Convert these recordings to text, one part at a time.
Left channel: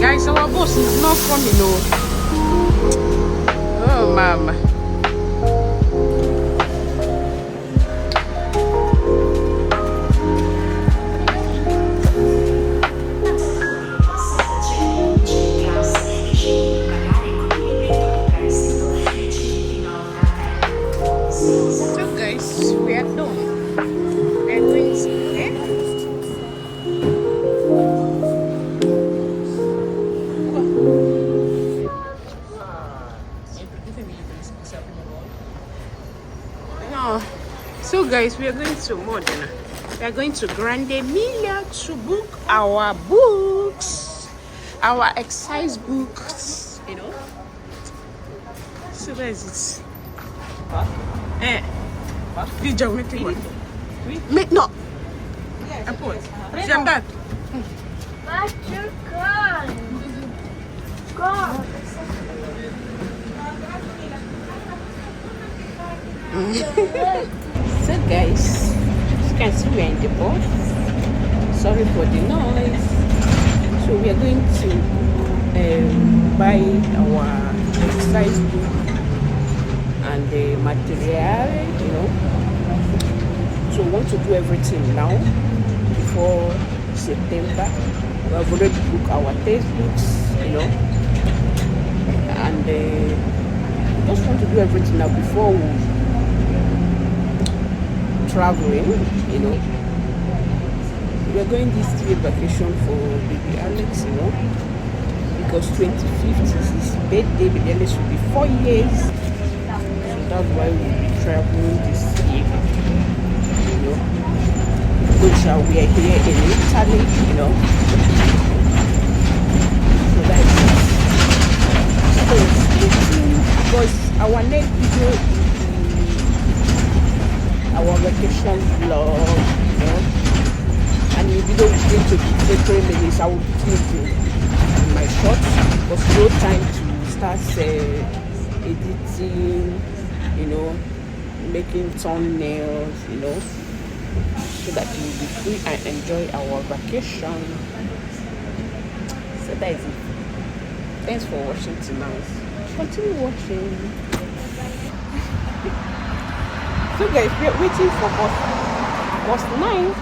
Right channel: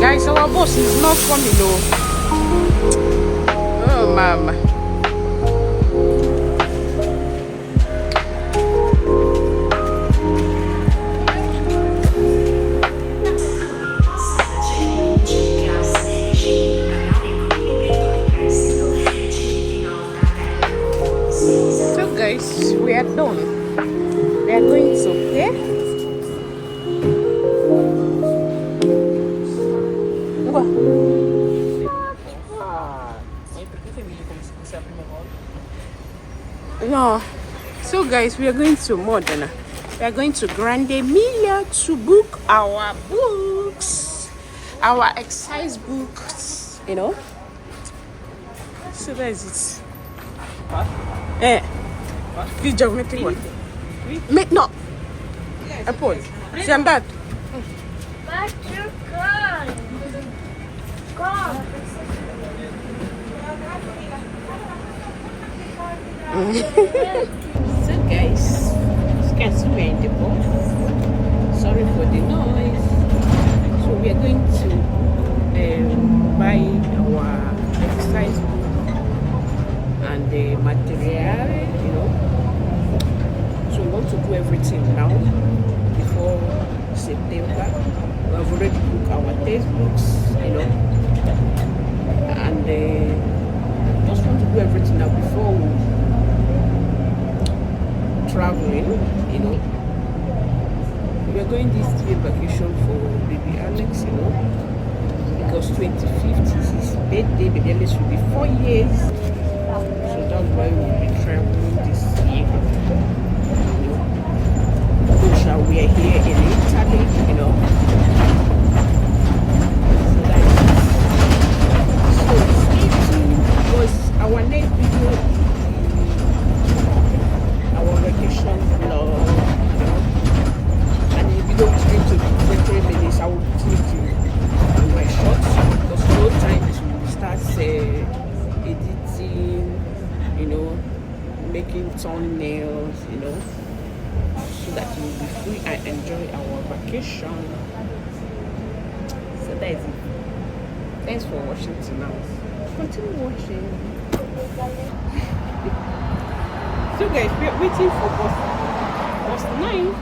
Guys, our boss is not coming, no. Oh, mama. So, guys, we are done. We are going to here. No. So guys, we are going to Modena. We are going to Grande Emilia to book our books, our exercise books, you know. So where is it? This geometric one. Make no. I put. See, I'm back. But you're gone. Go. So guys, as you can see, we're in the bus. Sorry for the noise. So we are going to buy our exercise book and the material, you know. So we want to do everything now before September. We have already booked our textbooks, you know, and just want to do everything now before we traveling, you know. We're going this 3-day vacation for baby Alex, you know, because 25th is his birthday. Baby Alex will be 4 years, so that's why we'll be traveling this year, you know. Which we are here in Italy, you know. So that's it. So stay tuned because our next video is our vacation vlog, you know, and the video is going to be 3 minutes. I will be thinking in my shots because no time to start editing, you know, making thumbnails, you know, so that you will be free and enjoy our vacation. So that is it. Thanks for watching till now. Continue watching. So guys, we are waiting for bus 9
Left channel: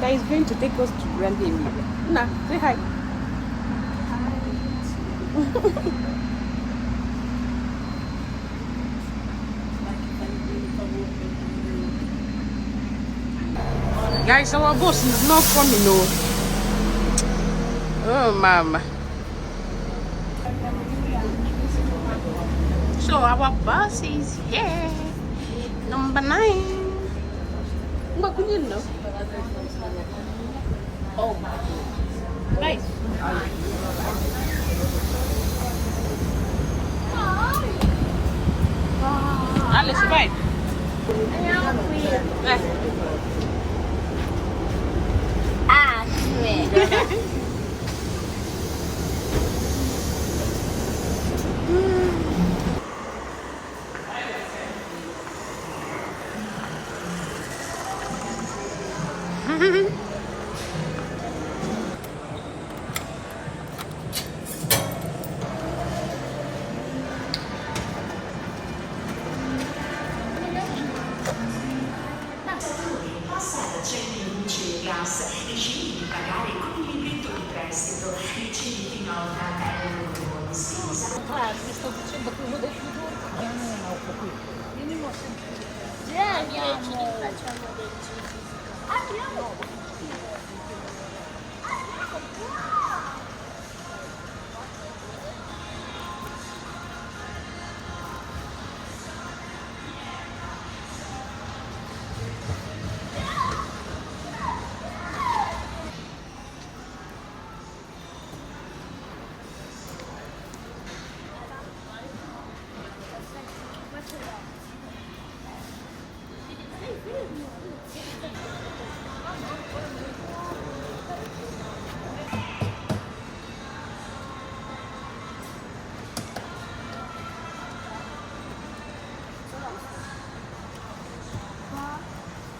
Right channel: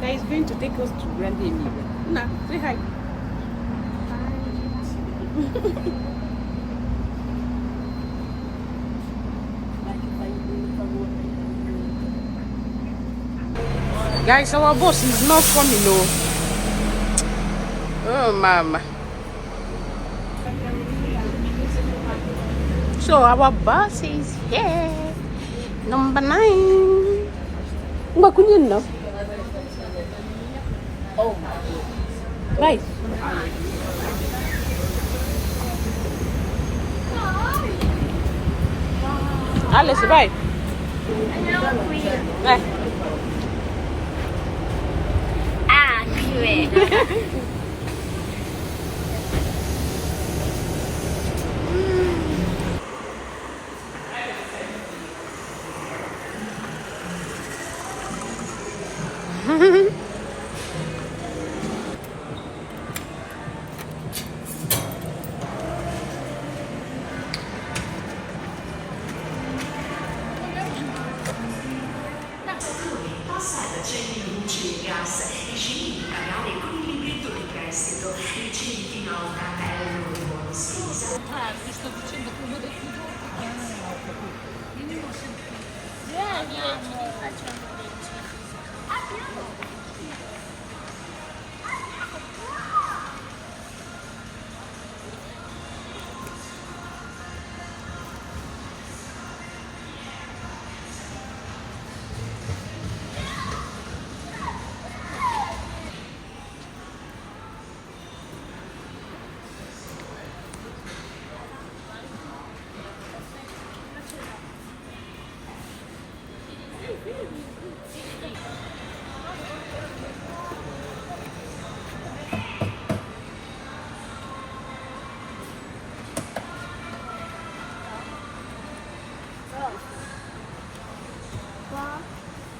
that is going to take us to Grande Emilia. Nah, say hi. Hi. Guys, our bus is not coming, no. Oh, mama. So our bus is here. Number 9. Oh, right. Alice, bye. Bye. Ah, sweet.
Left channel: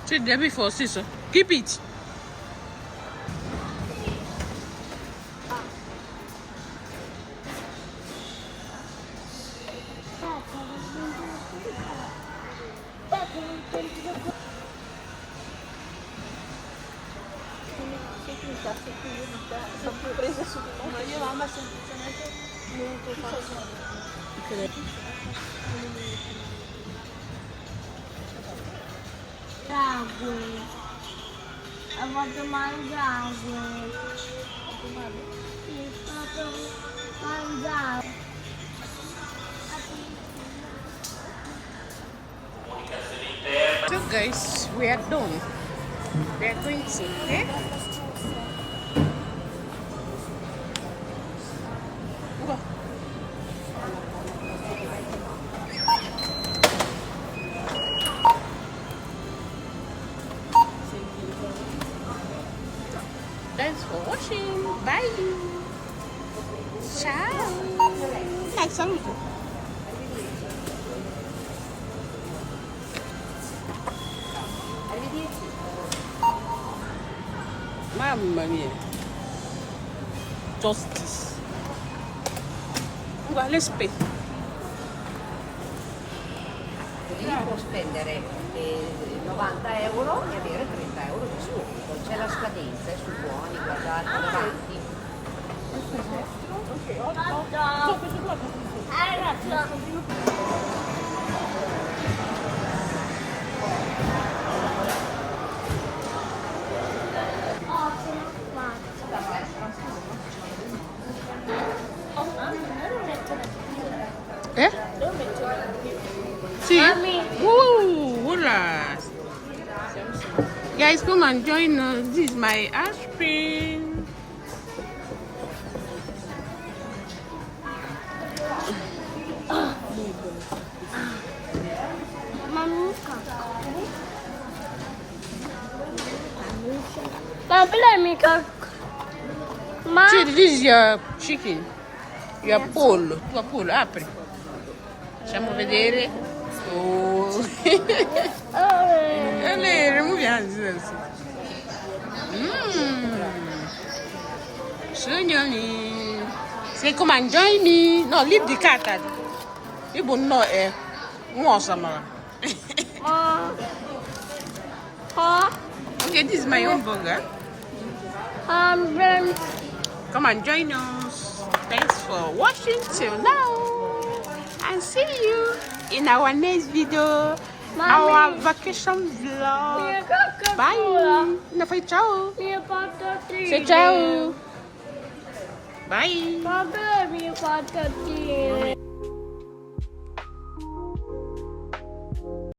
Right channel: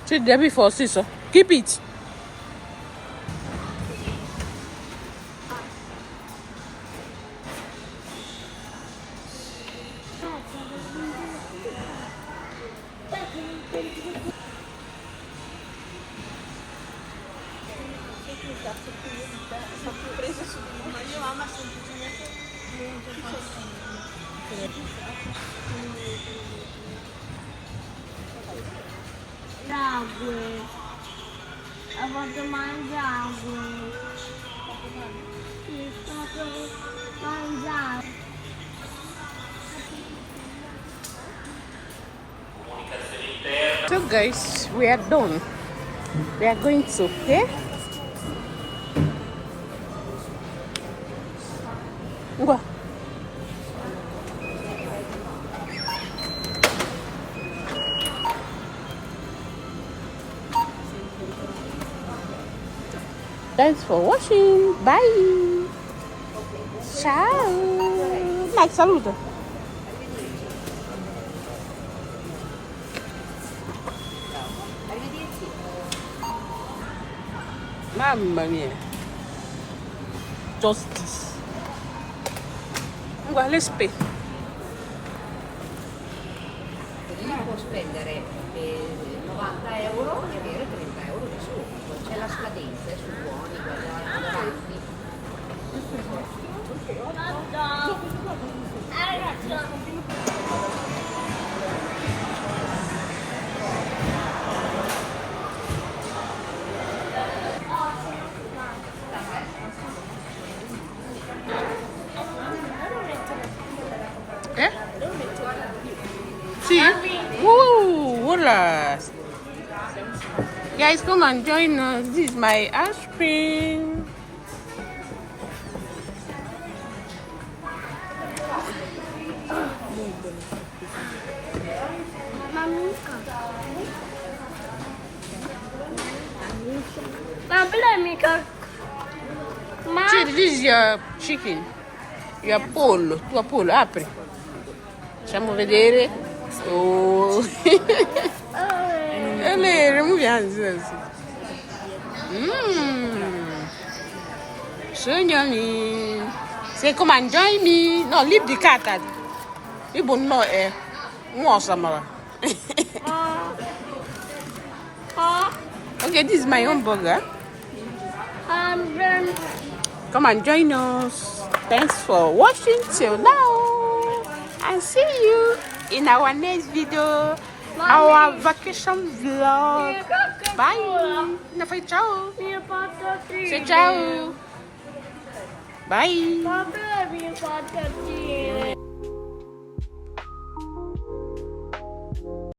Sit there before, sister. Keep it. Água. Eu vou tomar de água. So guys, we are done. We are going to pay. Go. Thanks for watching. Bye. Ciao. Like, saluto. Mamma mia. Justice. Guarda le spese. Può spendere 90 euro e avere 30 euro da su. C'è la scadenza su buoni, guardate davanti. Eh? Sì? Hola. Guys, come and join us. This is my ice cream. See, this is your chicken. Your pollo. Tua pollo. Apri. Facciamo vedere. Oh. Remuoviamo. Sognami. Say, come and join me. No, leave the cat. You won't know eh. Okay, this is my own burger. Come and join us. Thanks for watching till now. And see you in our next video. Our vacation vlog. Bye. No, fai ciao. Say ciao. Bye.